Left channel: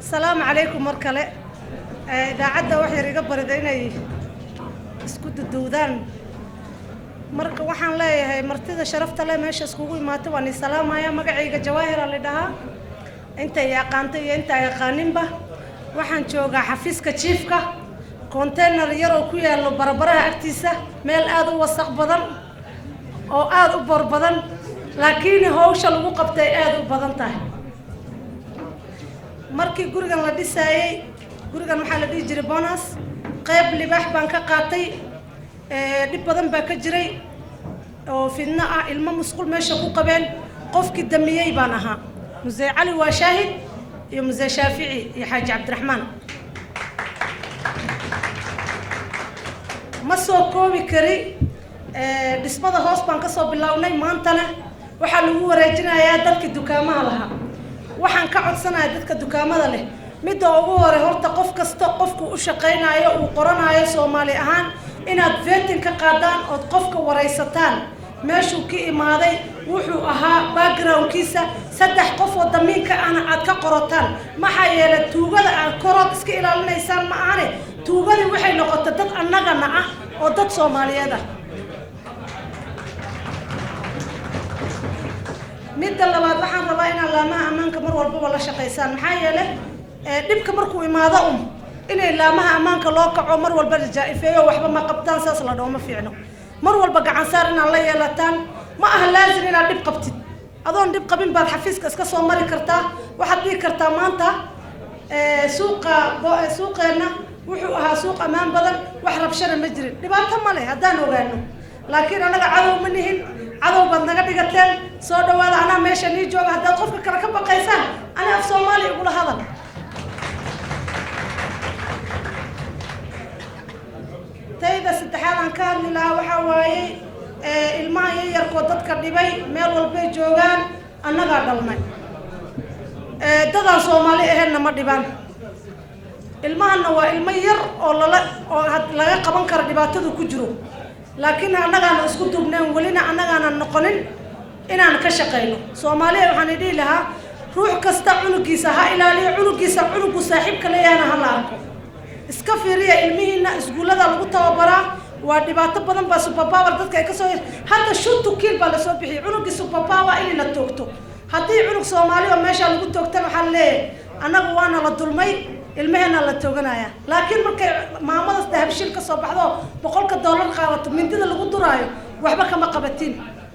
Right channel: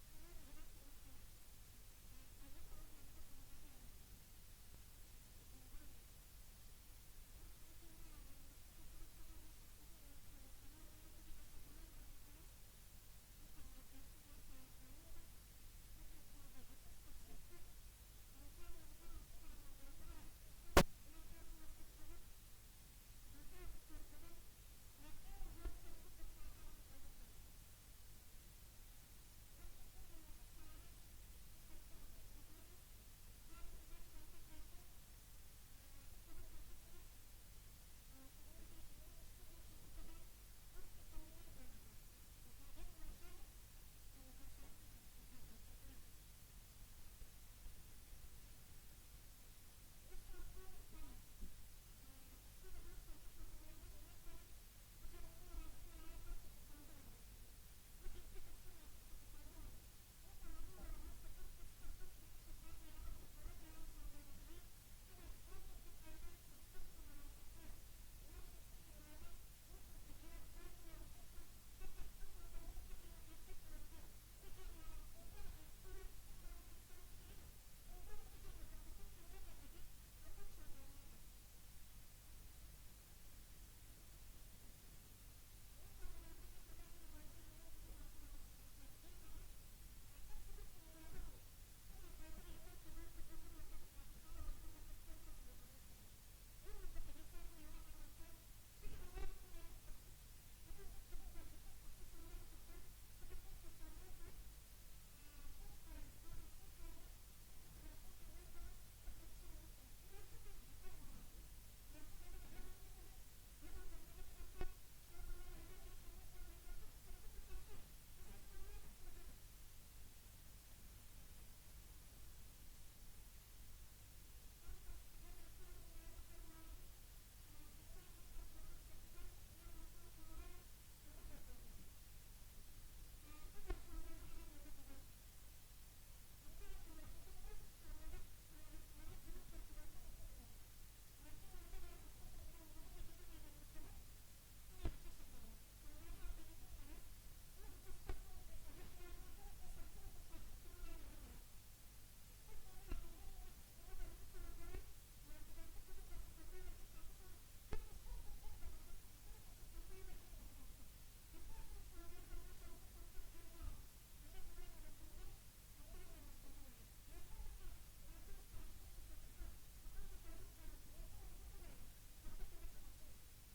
السلام عليكم مركلة. إذا عدى وحي رجب برديني اسكت الدودان مرك وحن لا هي مرتدى شرفت لا ماشي اسكوي ما تواني سلام يا مقعيقة جواهر اللي دها أنت يا قانتي أنت يا قانبة وحن شوقة حفيزك تشيفك كونتينر يرو كويا اللي بربرها أكتيسة ميل آدو وسق بدن أو آدو بر بدن لكن هوش الوقف تاي آدو بدن تاي markii gurigan la dhisayay gurigan waxa la dhigi jiray bonus qayb libax baan ka qaatay dib badan baa ka jiray oo fidna ah ilmo musqul meesha ku qabeen qofkii damiyay baan ahaa Muzee Ali waa shaahid iyo Muzee Shaafici iyo Xaaji Cabdiraxmaan ma soo koobi kari dhismada hoos baan ka soo bilownay maantana waxa lagu wareejinayaa dadka dukaamaha lahaa waxaan ka codsanayaa dadka dukaamada leh mid ugu hore horta qof kasta qofku u shaqeynayo uu qoranayo Soomaali ahaan inaad vetin ka qaadaan oo qofka wareysataan meeshuu ka imaaday wuxuu ahaa backgroundkiisa saddex qof oo damiinka ana aad ka qorataan maxaa yeelay tuugada aan korod iska ilaalinaysaan ma ahane tuugada waxay noqotay dad annagana ah oo dad Soomaaliyeed ah midda labaad waxaan rabaa inaan laamaha ammaanka mar walba la shaqeysaan maxaa yeelay dhibka markuu imaado inay laamaha ammaanka loo kaco mar walba jaa'ifeeyo waxba ma qabtaan saas la dhawma fiicno mar walba gacan saar inaan la yeelataan ma aha laazim inaad dhib qabtid adoon dhib qabin baad xafiiska iska soo mari kartaa waxaad dhigi kartaa maanta suuqeena wuxuu ahaa suuq ammaan badan wax rabshada ma jirin dhibaato ma leh haddaan ogaano laakiin anaga cadow ma nihin cadow baad naga dhigateen soo dhawaada anaa meesha nii jooga haddaad qofka kale ka baqaysaan ana af Soomaali igula hadal tayda saddexaad aan ka hadli lahaa waxaa waaye ilmaha yaryarkoo dadka dhibay meel walbay joogaan annagaa dhalnay dadaan Soomaali ahaynna ma dhibaan ilmahana waa ilmo yar oo laga qaban karo dhibaatadu ku jiro laakiin annagaana isku duubneen walina annagaana noqonin inaan ka shaqeyno Soomaaliya waxaan idhi lahaa ruux kasta cunugiisa ha ilaaliyo cunugiisa cunugu saaxiibka leeyahana ha la arko iska fiiriya ilmihiina iskuulada lagu tababaraa waa dhibaato badan baa super power dadka ay ka soo hadda shuntu kiil baa la soo bixiyay cunugii super power in la toogto haddii cunug Soomaaliya meesha lagu toogtana waxa leeyahay annagu waana la dulmay ilmahana la tooganaya laakiin markay maamada dahabshil ka soo baxdo $100 qaadato mindida lagu duraayo waxba kama qabatin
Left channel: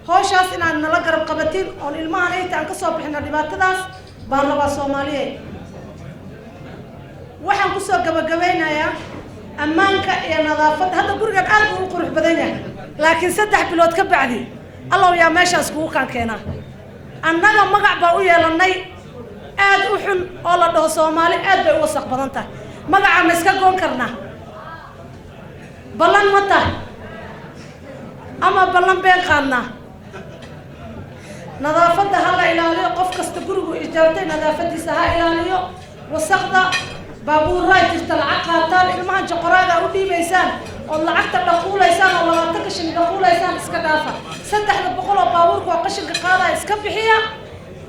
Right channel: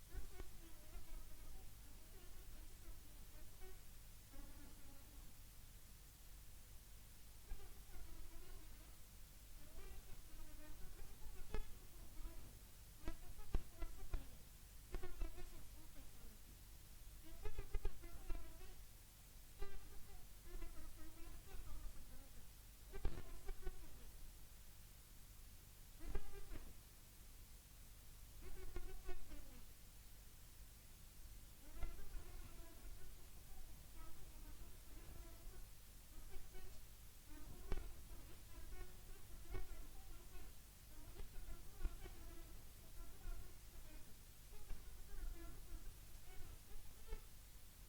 hooshas inaan nala garab qabatin oo ilmahan ay taan ka soo bixina dhibaatadaas baan laba Soomaaliyeed waxaan ku soo gabagabeynayaa ammaanka iyo nadaafadda hadda gurigan aad u qurux badan yahay laakiin 3 bilood ka bacdi Allah yaa meeshaas kugu kan keenaa annaga magac baa u yeelanay aad u xun oo la dhaho Soomaali aad bay u wasaq badan tahay magaca ma iska goon karnaa ballan ma tahay ama ballan been qaadnaa nadaafadda ha la ilaaliyo qof kasta gurigu ijaartay nadaafadiisa ha ilaaliyo wasaqda baabuurra jirta lacag qaataan ilmaha joqoraaga u dhiibaysaan oo lacagta dhaquulaysaan oo 20 qashin dhaquulaysaan iska dhaafa 300 oo baabuurku qashinka qaada iska bixiya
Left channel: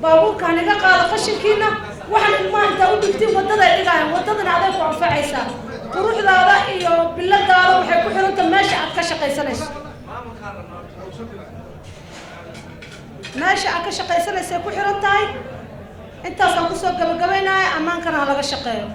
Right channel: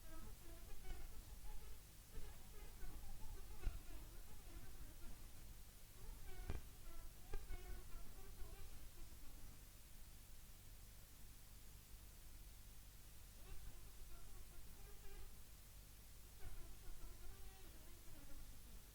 baabuurka aniga qaada qashinkiina waxaan ilmaha inta u dhigtay wadada ay dhigayaan wadadana aday ku anfacaysaa quruxdaada iyo biladaada waxay ku xirantahay meesha aad ka shaqaysanayso meesha aad ka shaqaysanayso ku xirantahay intaas aan ku soo gabagabeynaa amaankana laga shaqeeyo